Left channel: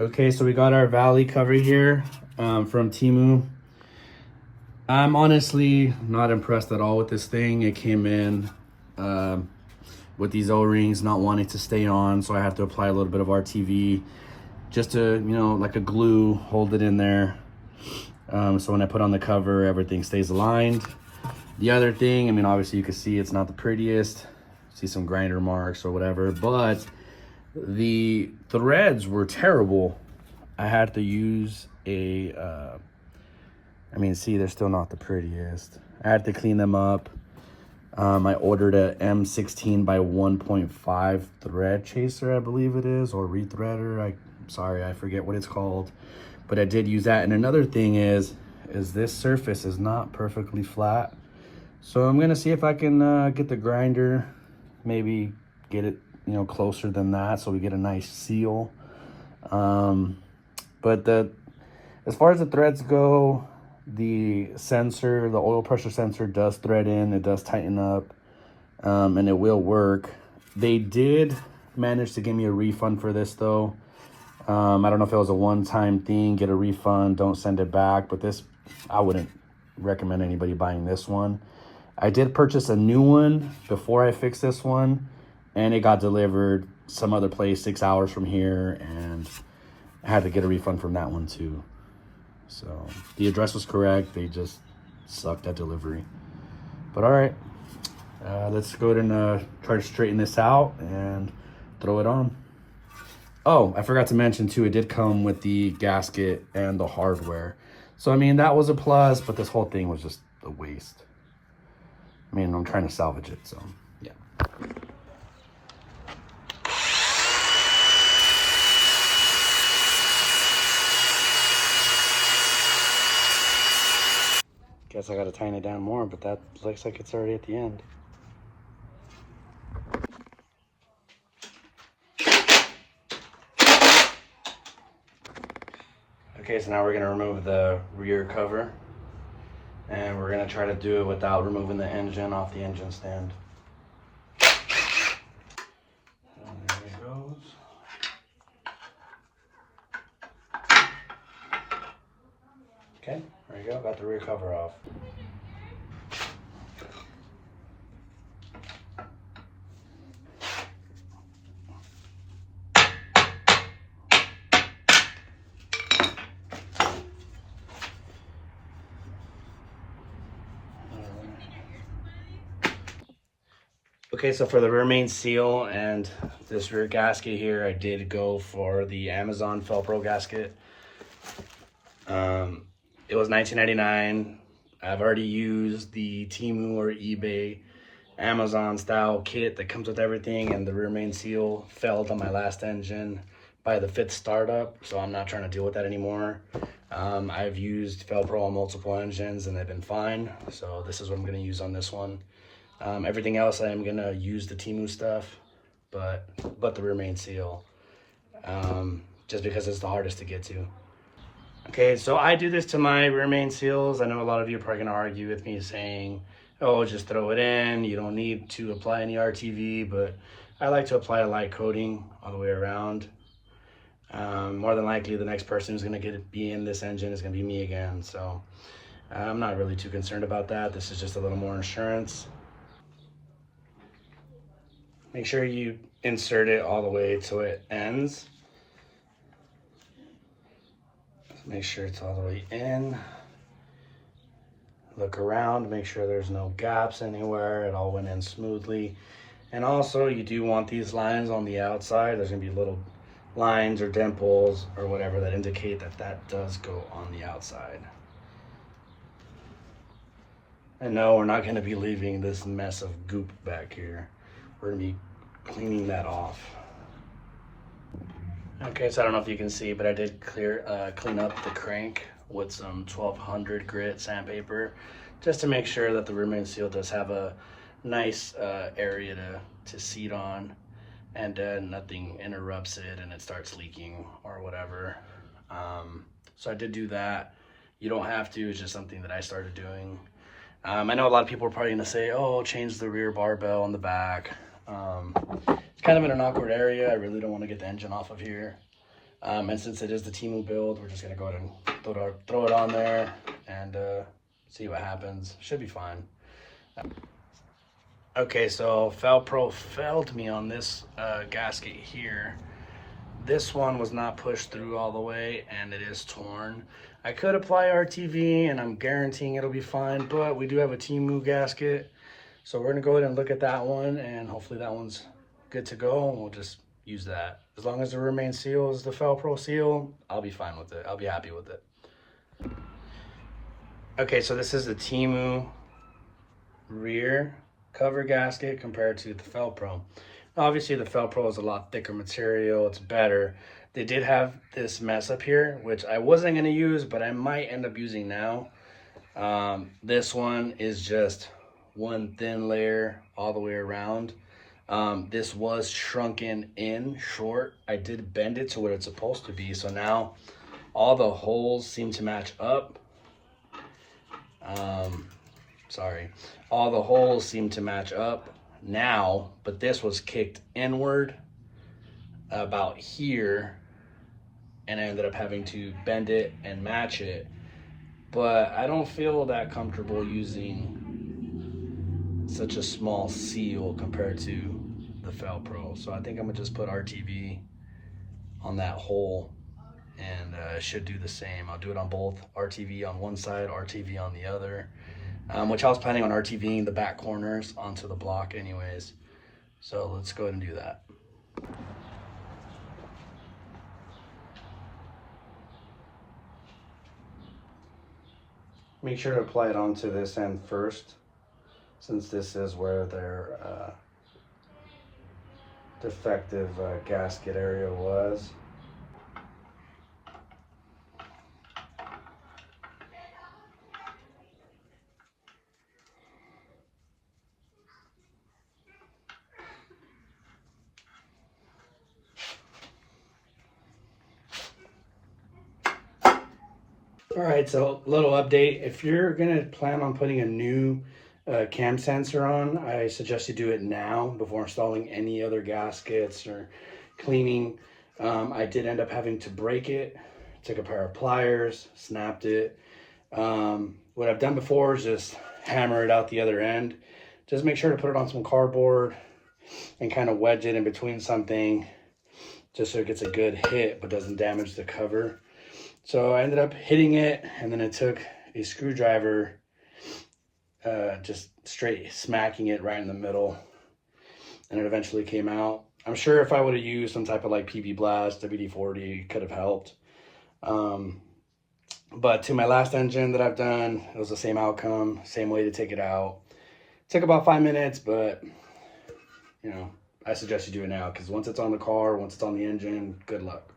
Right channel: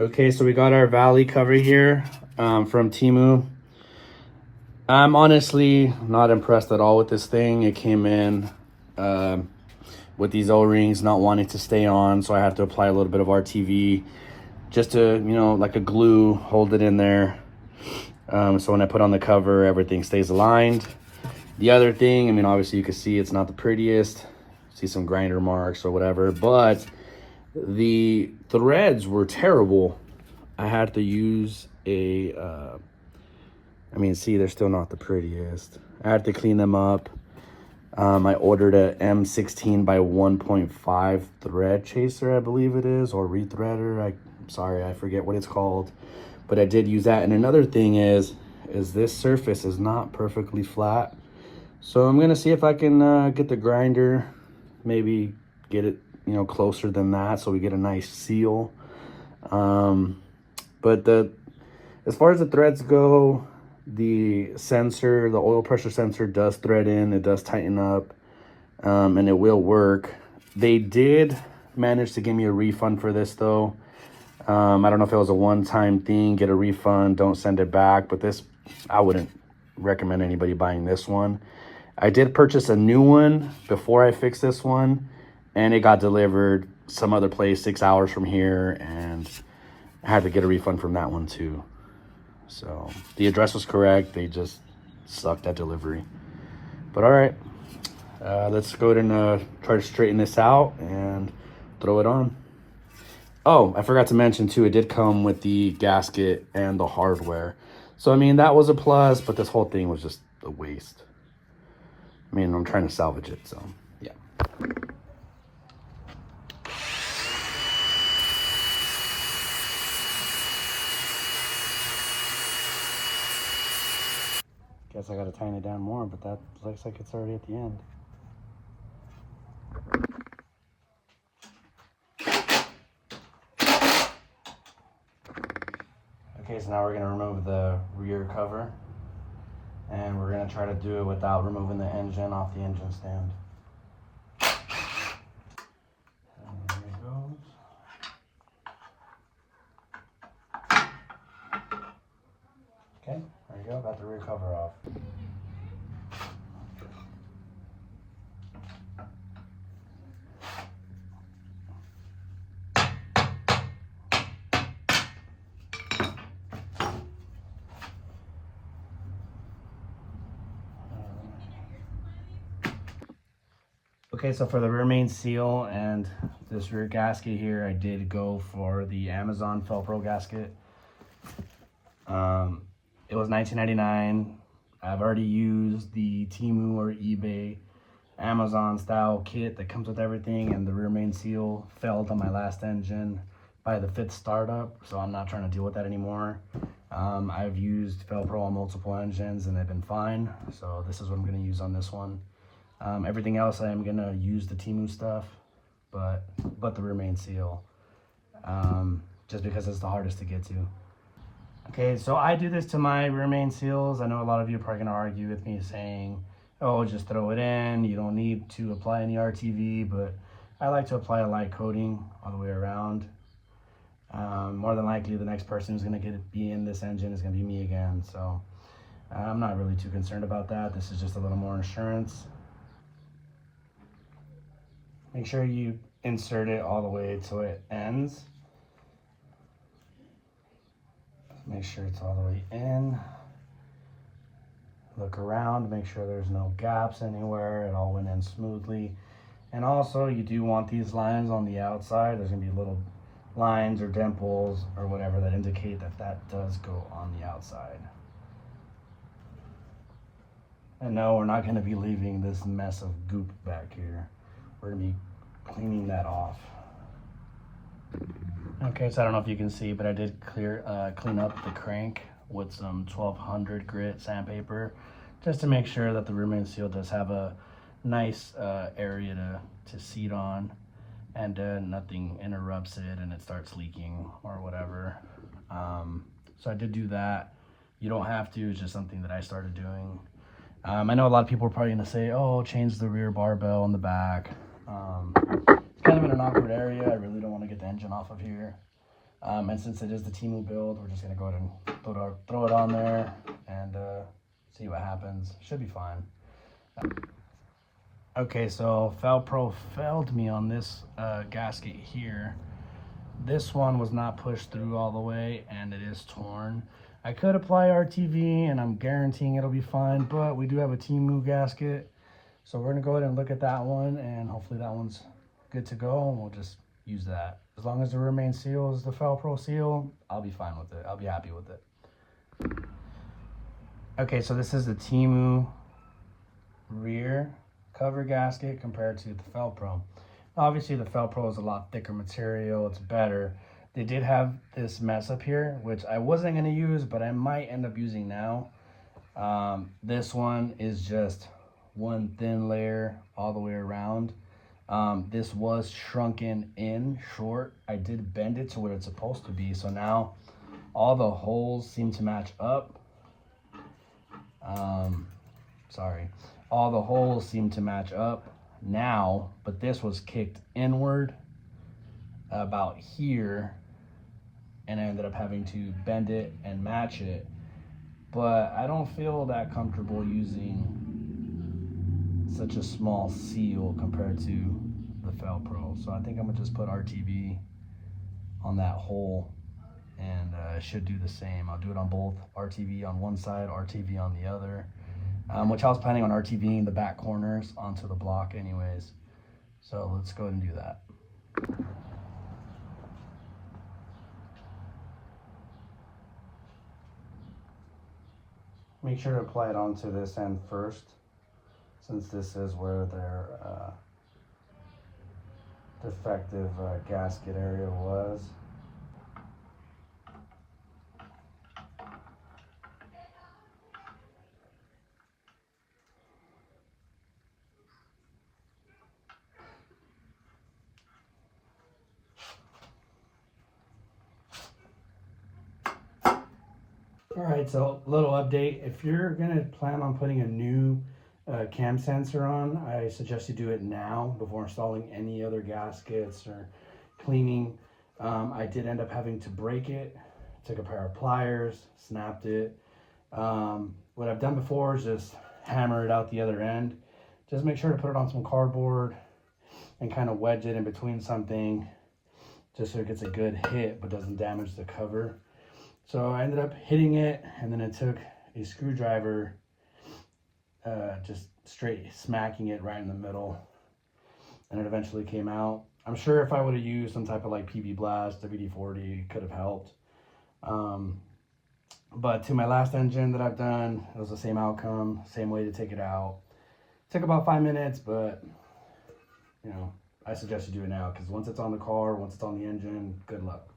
Okay, so we got our valley cover here from Temu. I'm honestly not impressed at all with this thing. It came in with these O-rings not wanting to stay on, so I have to apply a little bit of RTV just to, like a glue, hold it in there. So when I put on the cover, everything stays aligned. The other thing, I mean, obviously you can see it's not the prettiest. See some grinder marks or whatever, but the threads were terrible. I had to use a, see, they're still not the prettiest. I had to clean them up. I ordered a M16 by 1.5 thread chaser, I believe it is, or rethreader. I'm sorry, I forget what it's called, but I did use that. And another thing is this surface is not perfectly flat. So I'm gonna see if I can get the grinder, maybe get it, closer than that, so we get a nice seal. But as far as the threads go, the sensor, the oil pressure sensor does thread in, it does tighten up, and it will work. They did manage to give me a refund for this though. I don't know if it was a one-time thing, get a refund, don't send it back, but this, I wouldn't recommend anybody buying this one. I did purchase a new one before I fixed this one, and it got delivered some other place 6 hours from here, and I had to get a refund from that one too. So the address was correct, they just sucked at delivery. But all right, let's go ahead and try to straighten this out and throw it on. Oh, I forgot to mention too, it did come with the gasket and the hardware. So I mean, that was a plus, but this whole thing was just a waste. I mean, I'm trying to salvage it, so yeah. Guess I gotta tighten it down more, but that looks like it's already at the end. Okay, so now we're gonna remove the rear cover, and we're gonna try to do it without removing the engine off the engine stand. And there it goes. Okay, there you go, got the rear cover off. Okay, so for the rear main seal and this rear gasket here, I did go for the Amazon Felpro gasket. It was $19.99. I've already used the Temu or eBay Amazon style kit that comes with everything, and the rear main seal failed on my last engine by the 5th startup, so I'm not trying to deal with that anymore. I've used Felpro on multiple engines and they've been fine, so this is what I'm going to use on this one. Everything else I'm going to use the Temu stuff, but the rear main seal, just because it's the hardest to get to. Okay, so I do this to my rear main seals. I know a lot of you are probably gonna argue with me saying, oh, just throw it in, you don't need to apply any RTV, but I like to apply a light coating all the way around. More than likely, the next person who's gonna be in this engine is gonna be me again, so I'm not really too concerned about that. This is just a little more insurance. Make sure you insert it all the way till it ends. Make sure it's all the way in. Look around, make sure there's no gaps anywhere. It all went in smoothly. And also, you do want these lines on the outside. There's gonna be little lines or dimples or whatever that indicate that that does go on the outside. And no, we're not gonna be leaving this mess of goop back here. We're gonna be cleaning that off. Okay, so I don't know if you can see, but I did clean up the crank with some 1200 grit sandpaper, just to make sure that the rear main seal does have a nice area to seat on, and nothing interrupts it and it starts leaking or whatever. So I did do that. You don't have to, it's just something that I started doing. I know a lot of people are probably gonna say, oh, change the rear barbell on the back. It's kind of in an awkward area. I really don't want to get the engine off of here. And since it is the Temu build, we're just gonna go ahead and throw it on there and see what happens. Should be fine. Okay, so Felpro failed me on this gasket here. This one was not pushed through all the way and it is torn. I could apply RTV and I'm guaranteeing it'll be fine, but we do have a Temu gasket. So we're gonna go ahead and look at that one and hopefully that one's good to go and we'll just use that. As long as the remain seal is the Felpro seal, I'll be fine with it. I'll be happy with it. Okay, so this is the Temu rear cover gasket compared to the Felpro. Obviously the Felpro is a lot thicker material, it's better. They did have this mess up here, which I wasn't gonna use, but I might end up using now. This one is just one thin layer all the way around. This was shrunken in short. I did bend it to what it's supposed to be, so now all the holes seem to match up. All the holes seem to match up now, but this was kicked inward about here and I ended up having to bend it and match it. But I don't feel that comfortable using such a small seal compared to the Felpro. So I think I'm gonna just put RTV on that hole and it should do the same. I'll do it on both, RTV on one side, RTV on the other. Which I was planning on RTVing the back corners onto the block anyways. So let's go ahead and do that. Make sure to apply it onto this end first, since this is where their defective gasket area was. All right, so little update. If you're gonna plan on putting a new cam sensor on, I suggest you do it now before installing any other gaskets or cleaning. I did end up having to break it. Took a pair of pliers, snapped it. What I've done before is just hammer it out the other end. Just make sure to put it on some cardboard and kind of wedge it in between something just so it gets a good hit but doesn't damage the cover. So I ended up hitting it and then it took a screwdriver just straight smacking it right in the middle and it eventually came out. I'm sure if I would have used some type of like PV Blast, WD-40 could have helped. But to my last engine that I've done, it was the same outcome, same way to take it out. It took about 5 minutes, but you know, I suggest you do it now because once it's on the car, once it's on the engine, good luck.